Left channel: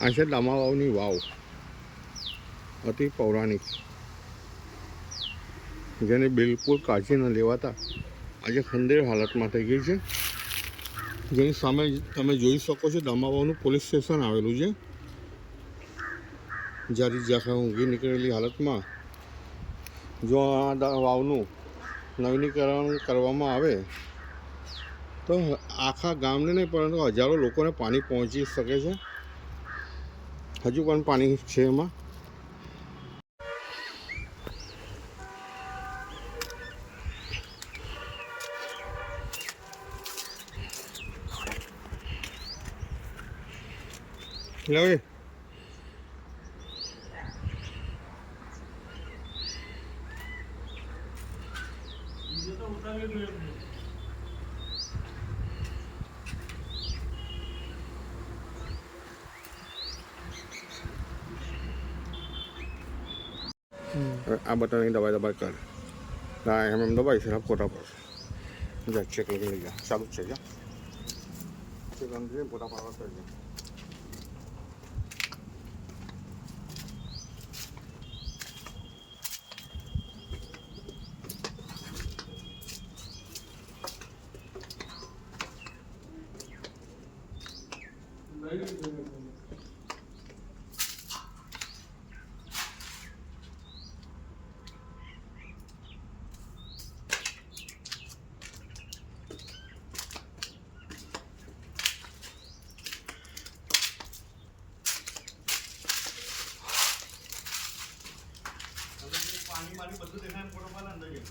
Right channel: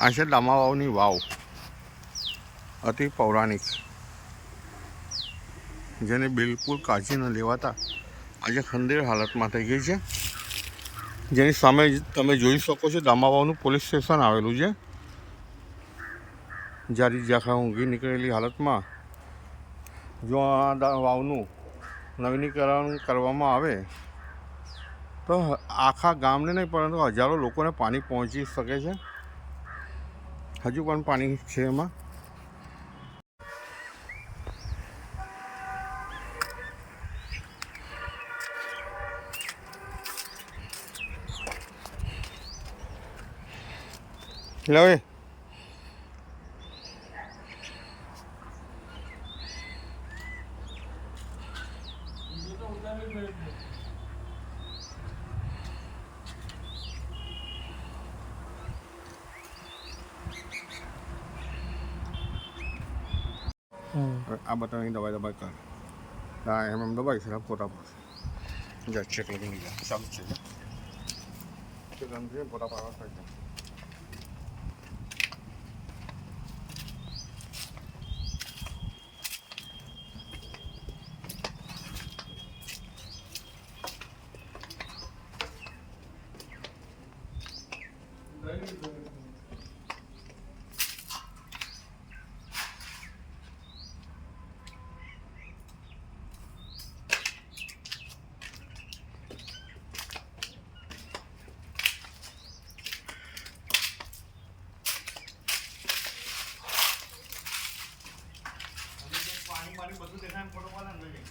આ છે દામાવાવની વાવ, અતિ પૌરાણિક, જેને બિલકુલ કાળજી ન લેવાતા આજે ખંડેર હાલતમાં થઈ ગઈ છે. જેની સામે તમે જોઈ શકો છો દામાવાવનું પોલીસ સ્ટેશન આવેલું છે. જારી જાખા ઊંઘી નીકળેલી હાલતમાં જો આ વાવનું નવીનીકરણ કરવામાં આવે તો આખા ગામને નહીં પરંતુ હજારો લોકોને પાણી પહોંચી શકે છે. હજુ પણ પાણી છે એમાં. લે આ બટનની દબાઈ કર. એમ દબાઈ છે ફોટા પર જા ચેક લગી લઈ જા. ચાલુ જ છે જા ચેક અંદર ફોટા પાડવા કરી જા. પાણી બધું દેખાય ફોટો પાડે ને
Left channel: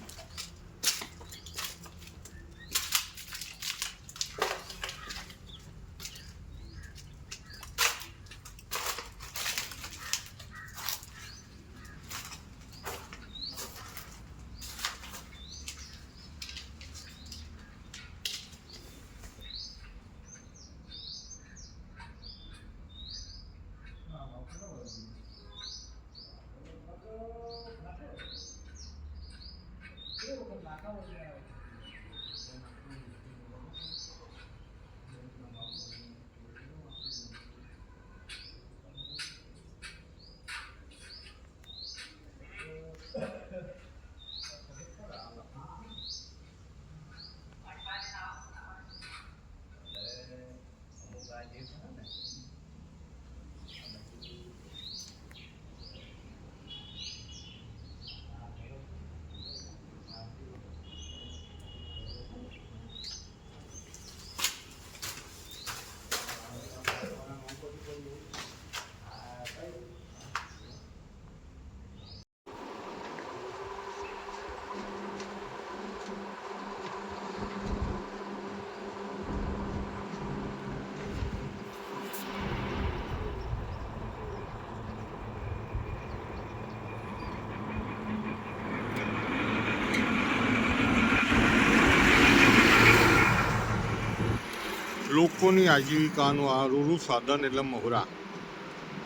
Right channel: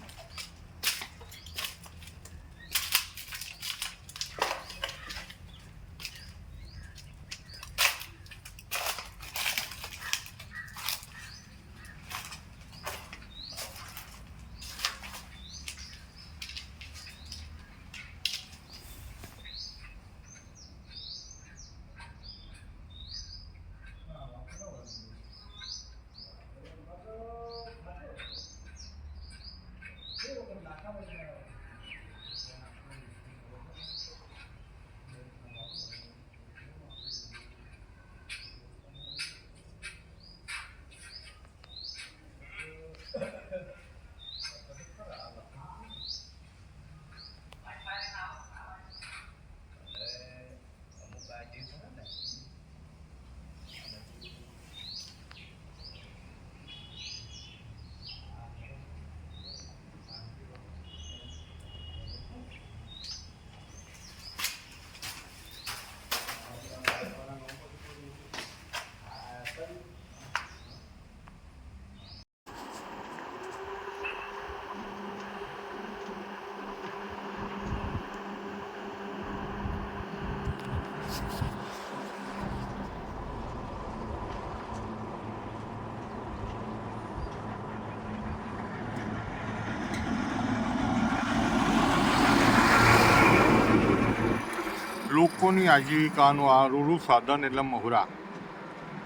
લોકોની આજીવિકાનું આ રૂરું સાધન એટલે મહોરા.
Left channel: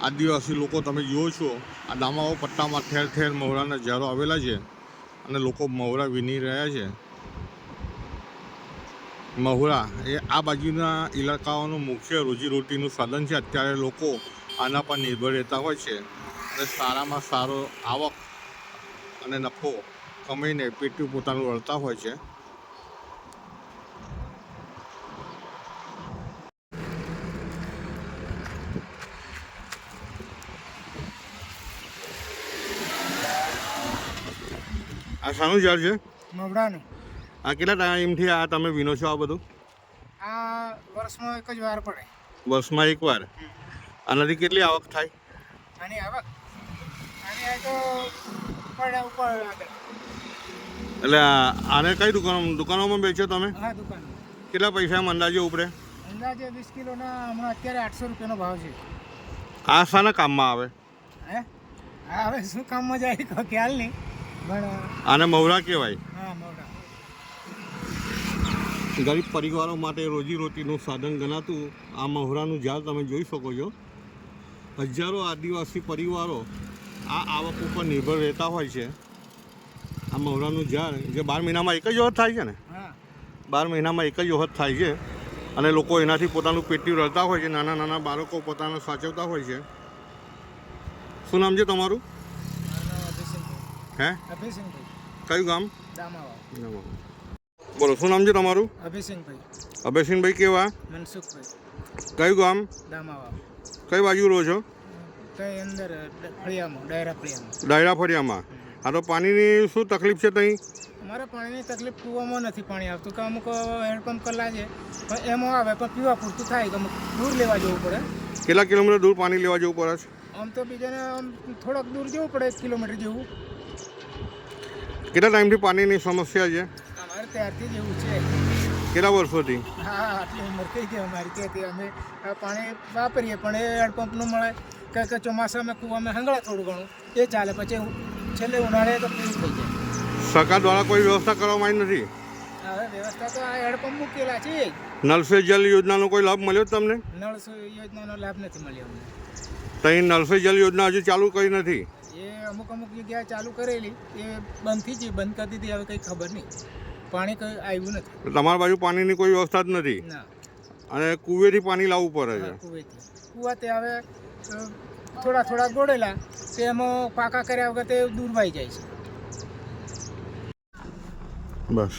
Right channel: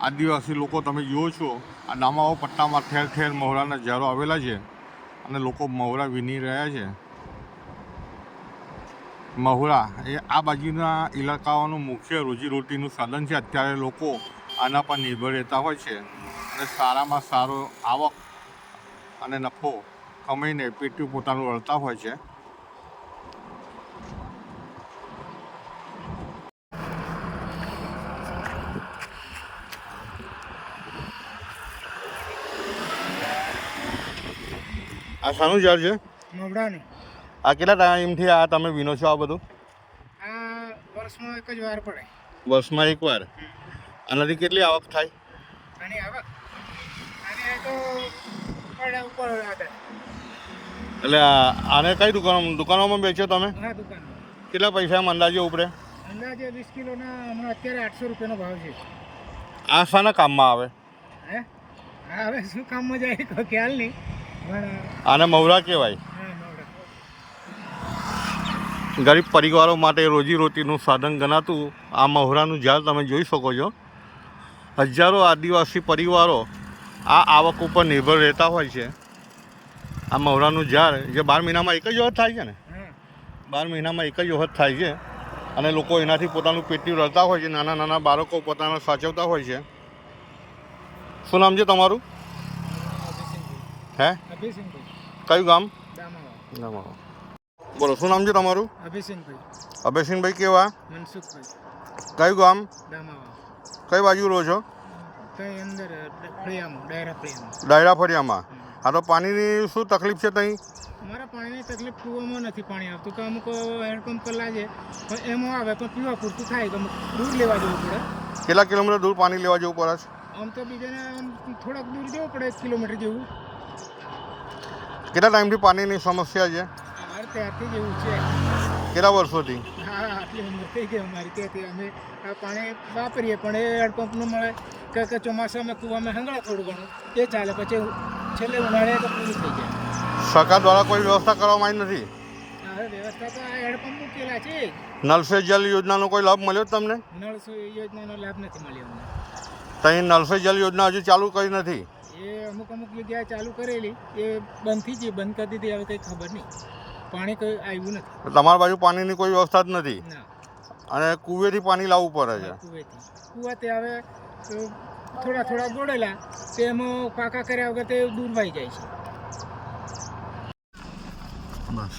આદિવાસી લોકો તમે જુઓ છો આ દામાવાવ પટ્ટામાં ઠેર ઠેર મહોરાના ઝાડો આવેલા છે અને લોકો મહોરા વીણી રહ્યા છે. મહોરા એ આ બાજુના ઇલાકાઓનું મુખ્ય રોજીરોટીનું સાધન છે. અત્યારે લોકો આના પર નિર્ભર રહેતા હોય છે અને સારામાં સારો આવક અને નફો કમાઈને પેટનું પોતાનું વળતા હોય છે. આ શાનું ઝાડ છે? મવડાનું. આ કેટલા ટાઈમથી આ તમે વીણો છો આ બધું? આ વર્ષમાં એક જ વાર પડે. વર્ષમાં એક વાર. આનાથી કેટલી આવક થાય? આની આવક આની તો પડે ઉપર એટલે આને કઈ દુકાનોમાં વેચો તમે? હા, દુકાન. કેટલા પૈસા અંદાજે ઉપરે? અંદાજે 20 કિલોના હમણાં અત્યારે 800 રૂપિયાનો ભાવ છે. આ શાના કામમાં આવે? હે હા, હવે શું કામમાં જાય કોઈ ખ્યાલ નહીં. આને મવરા કહેવાય. ગરીબ પરિવારો માટે રોજીરોટીનું સાધન ગણાતું આ મહોરાનું ઝાડ તમે જોઈ શકો છો. હજારો આદિવાસી પરિવારો આ આવક ઉપર નિર્ભર રહેતા હોય છે. આ મહોરાનું ઝાડ જે 12 મહિનામાં એક જ વખત થાય છે ને? 12 મહિનામાં એક જ વખત થાય છે. અને લોકો એનાથી પોતાનું પેટનું રળતા હોય છે. નાના નાના બાળકો પોતાના સાચવતા હોય છે. શું નામ છે તમારું? હે? અભિસિંહભાઈ કયું ગામ? દામાવા. બોલો, શું નામ છે તમારું? અભિસિંહભાઈ અભયસિંહભાઈ કેવા? મનસુખભાઈ કયું ગામ? દામાવા. કઈ બાજુ રહો છો? કઈ અંદર ફળિયામાં, ડાયરા ફળિયામાં. ડાયરા ફળિયામાં. હા, તો પાણીની શું તકલીફ છે ત્યાં? અમારા પાણીની તકલીફ પીવામાં નથી પાણી આવતું, કે અમુક હેન્ડપંપ પર લાગે પણ એમાં આવે પણ પીવા પૂરતું થાય તો અમુક દૂર લેવા જવું પડે. કેટલા કિલોમીટર દૂર પાણી લેવા જવું પડે છે? આમ તો બીજાને આમ થોડાક દૂર જવું પડે, 1 કિલોમીટર જેવું. કેટલા ટાઈમથી પાણીની સમસ્યા છે? ત્યારથી જેવું છે. કેટલા વર્ષોથી? હા, આટલી ઉંમર થઈ ગઈ અમારી ત્યાંથી અમે આ પાણી વાપરીએ પણ એ હેન્ડપંપ ન મળે કે ચોમાસામાં કૂવામાં હંગળા થોડું ઘણું એ ચાલે, પછી છેલ્લે ઉનાળે પૂરું થઈ જાય. સરકાર દ્વારા કોઈ વ્યવસ્થા કરવામાં આવી નથી? હવે વ્યવસ્થા તો આ હેન્ડપંપ મૂકેલા છે. નલ સે જલ યોજનાનો કોઈ લાભ મળ્યો તમને? નળ યોજનાનો લાભ નથી મળ્યો અમને. ત્યાં નલ સે જલ યોજના હજુ ચાલુ કરી નથી? એ અમુક જગ્યાએ ચાલુ કરેલી, એ બંધ થઈ ગઈ, બંધ કરી દીધી. હવે કંઈ ખબર નહીં, પાણી કંઈ આવ્યું નથી. તમારી બાજુ પાણીની કોઈ વ્યવસ્થા જ નથી? ના. અને કુવેથી પાણી લાવવું પડે છે? કુવાથી હવે થોડા થોડા ગોળેલા તેમાં પાકા કર્યા વગર તે દૂર વહી જાય છે. બસ.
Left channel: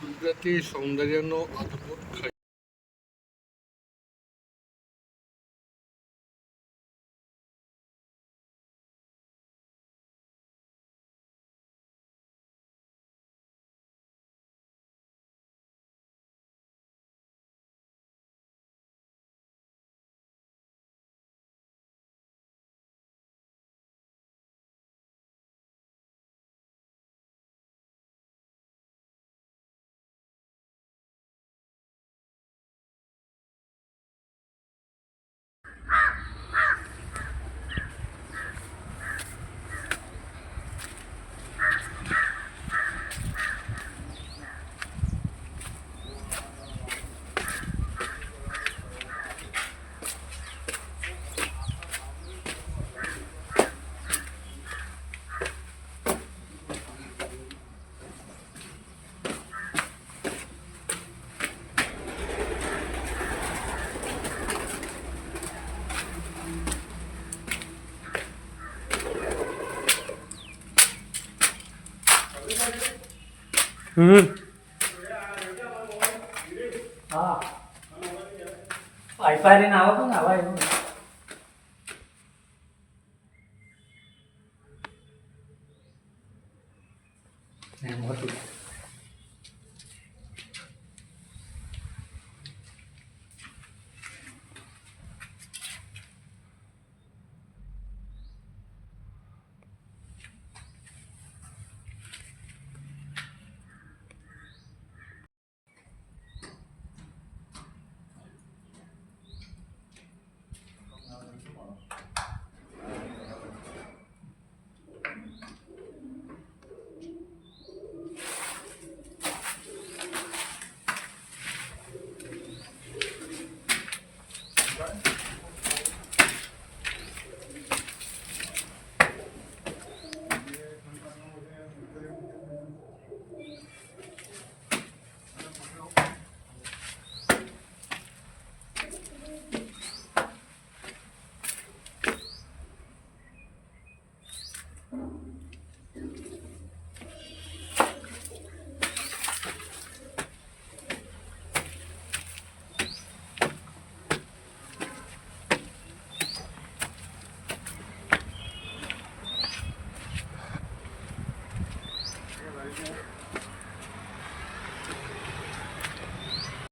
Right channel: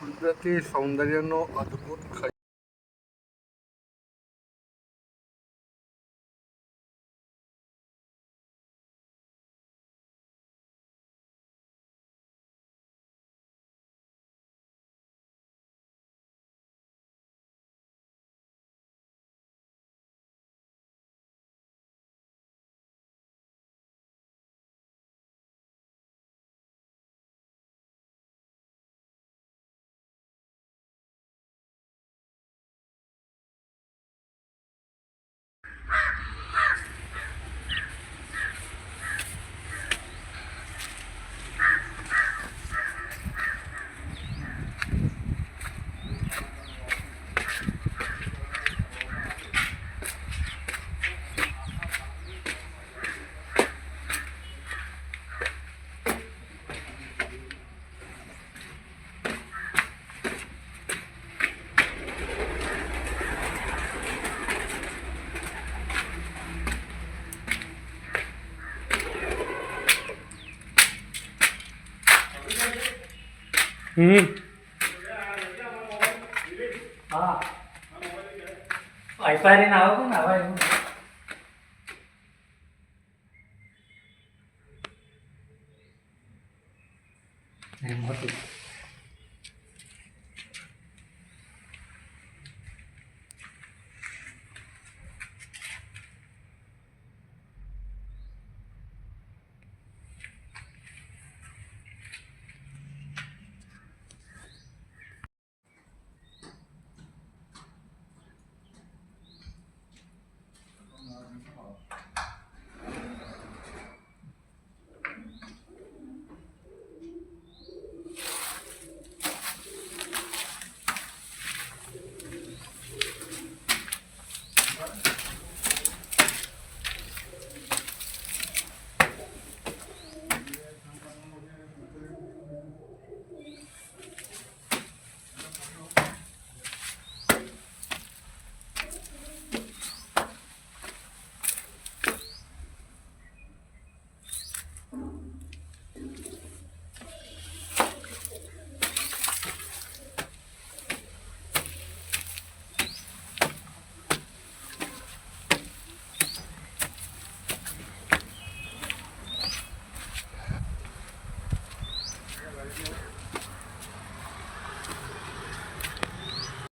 કુદરતી સૌંદર્યનો અદ્ભુત હા, વાઈફાઈ ને આવો ને આવા એનું મોટું